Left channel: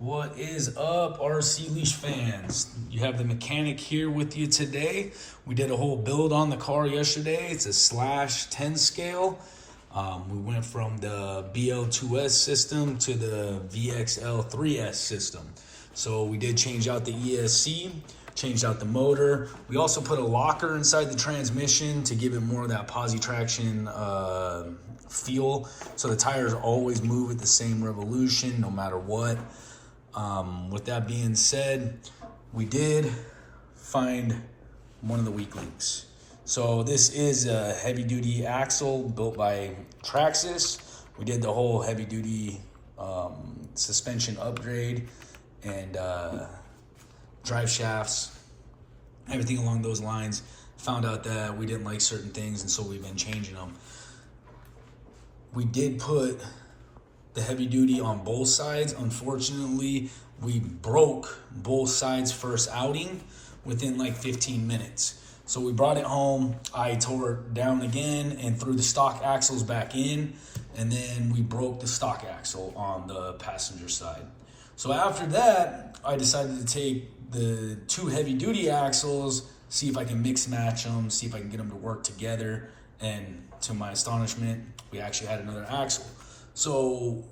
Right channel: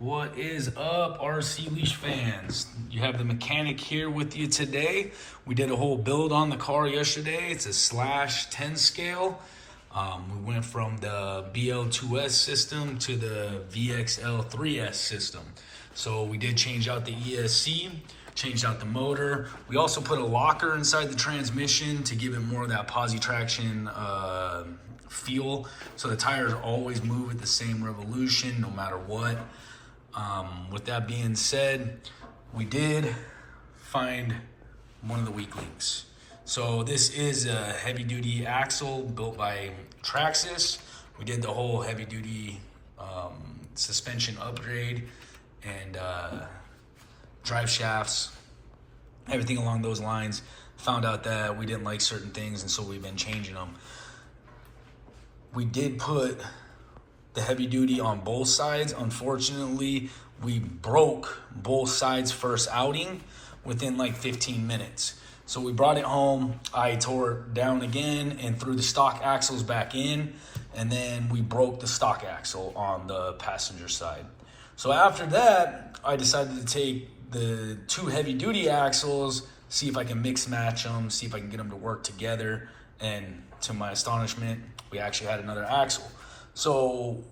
What is up, RC Leash fans? You have the mechanic here with you today. We did a whole build on the car yesterday. It's a Slash 10 scale. We went from the VXL-2S system to the VXL-3S system. So we did change out the ESC, changed out the motor. We also put a locker inside the transmission to give it more of that posi traction feel. So the tires always move at the same revolution no matter what. With that being said, we did find one of the weak links. So this is a heavy duty axle built by Traxxas. We did the whole heavy duty suspension upgrade and drive shafts, everything along those lines. Found out that we didn't like certain things, and so we've been changing them. We did put the heavy duty on both sides. Unfortunately, we broke both sides first outing within like 15 minutes. So we brought it home. I tore it down again and threw the stock axles back in, and then we broke the stock axle on the passenger side. So after that, I decided to take the two heavy duty axles, see if I can mix match them, see if I can get them to work together. And to my astonishment, we actually had another axle. So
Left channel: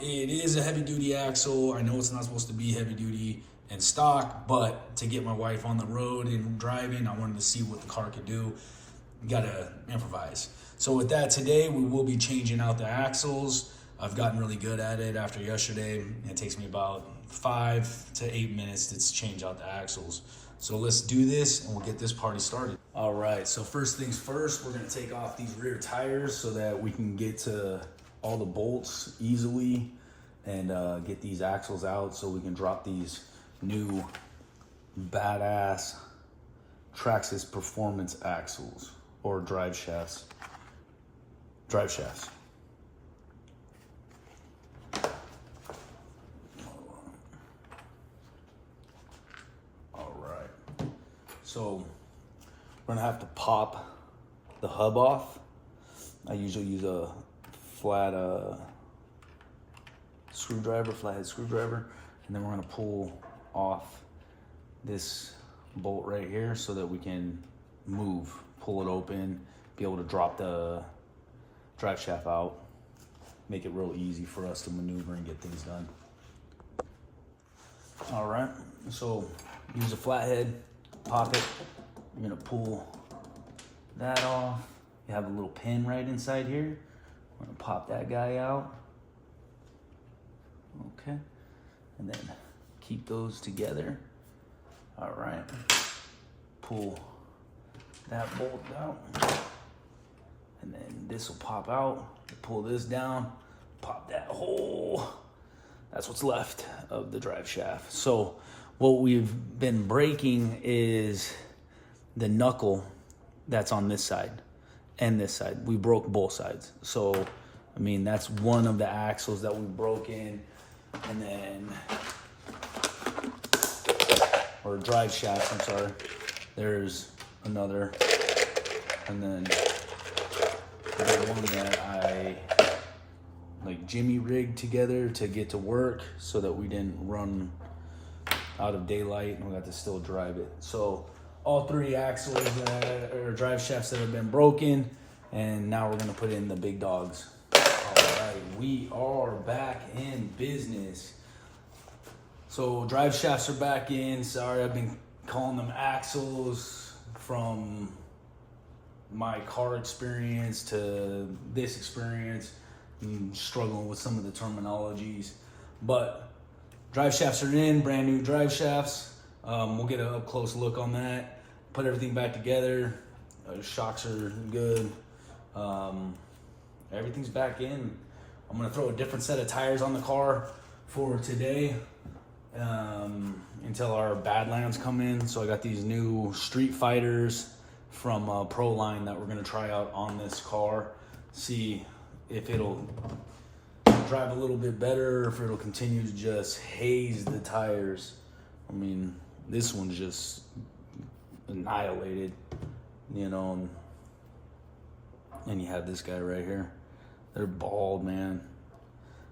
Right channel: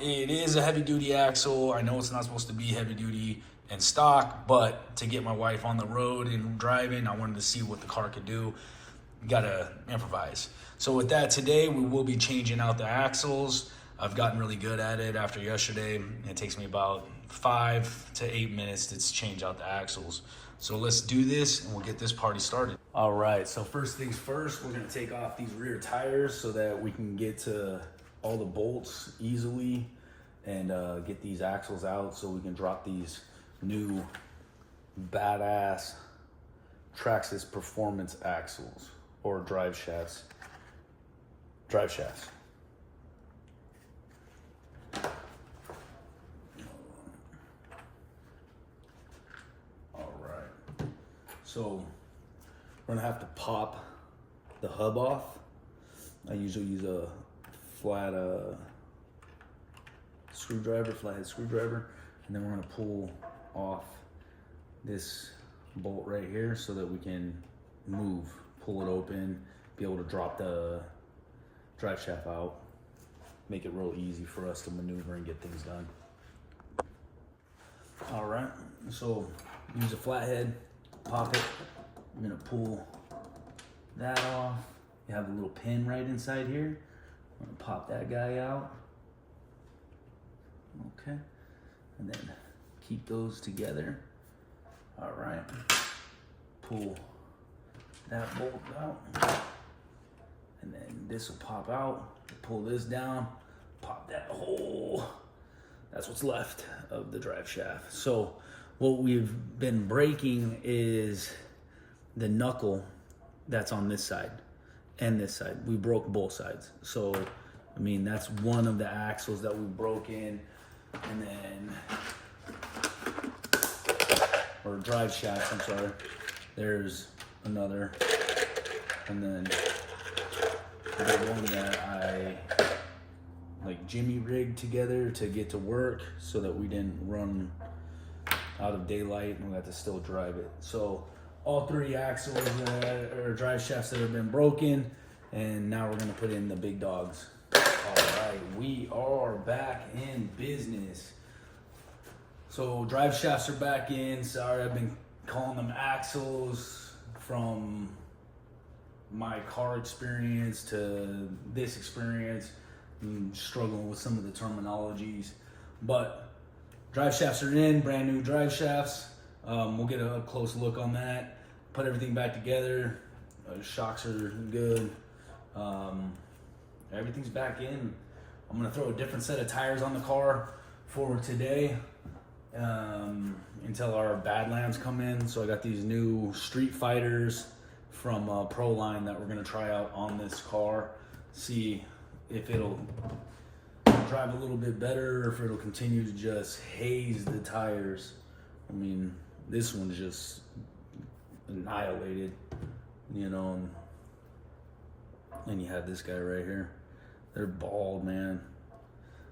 it is a heavy duty axle. I know it's not supposed to be heavy duty and stock, but to get my wife on the road and driving, I wanted to see what the car could do. Gotta improvise. So with that, today we will be changing out the axles. I've gotten really good at it after yesterday. It takes me about 5 to 8 minutes to change out the axles. So let's do this and we'll get this party started. All right, so first things first, we're gonna take off these rear tires so that we can get to all the bolts easily and get these axles out so we can drop these new badass Traxxas performance axles or drive shafts. All right, so we're gonna have to pop the hub off. I usually use a flathead screwdriver, and then we're gonna pull off this bolt right here so that we can pull it open, be able to drop the drive shaft out, make it real easy for us to maneuver and get things done. All right, so use a flathead, pop it. I'm gonna pull that off. You have a little pin right inside here. I'm gonna pop that guy out. Okay, and then keep those together. All right, pull that bolt out, and then this will pop out. Pull this down, pop that hole. That's what's left of the drive shaft. So what we've been breaking is the knuckle that's on this side and this side. We broke both sides. So, I mean, that's one of the axles that we broke in. And then, or drive shaft, I'm sorry. There's another. And then the one that I like Jimmy rigged together to get to work so that we didn't run out of daylight and we got to still drive it. So all three axles or drive shafts that have been broken, and now we're gonna put in the big dogs. All right, we are back in business. So drive shafts are back in. Sorry, I've been calling them axles from my car experience to this experience. I'm struggling with some of the terminologies, but drive shafts are in, brand new drive shafts. We'll get a up close look on that. Put everything back together. Shocks are good. Everything's back in. I'm gonna throw a different set of tires on the car for today until our Badlands come in. So I got these new Street Fighters from Proline that we're gonna try out on this car. See if it'll drive a little bit better or if it'll continue to just haze the tires. I mean, this one's just annihilated, you know, and you have this guy right here. They're bald, man.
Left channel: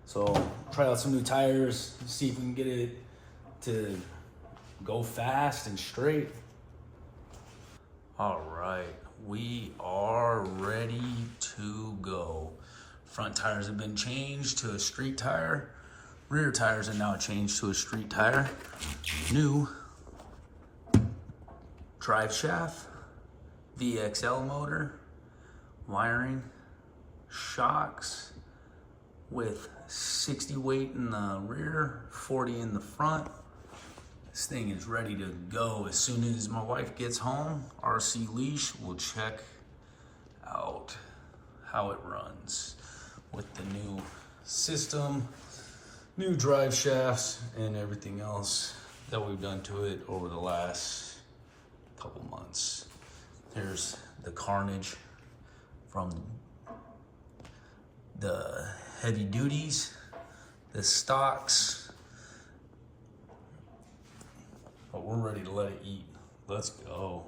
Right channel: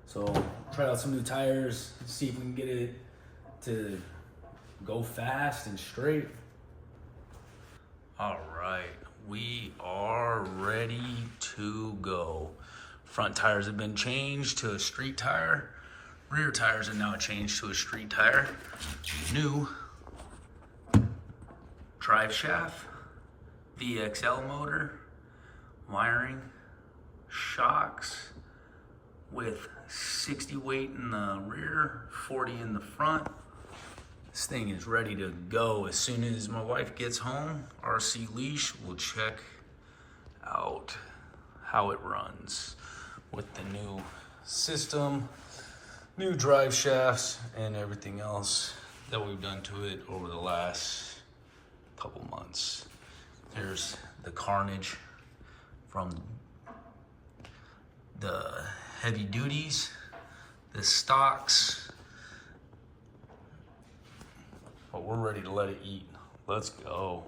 So try out some new tires, see if we can get it to go fast and straight. All right, we are ready to go. Front tires have been changed to a street tire. Rear tires are now changed to a street tire. New drive shaft, VXL motor, wiring, shocks with 60 weight in the rear, 40 in the front. This thing is ready to go. As soon as my wife gets home, RC Leash will check out how it runs with the new system, new drive shafts, and everything else that we've done to it over the last couple months. There's the carnage from the heavy duties, the stocks, but we're ready to let it eat. Let's go.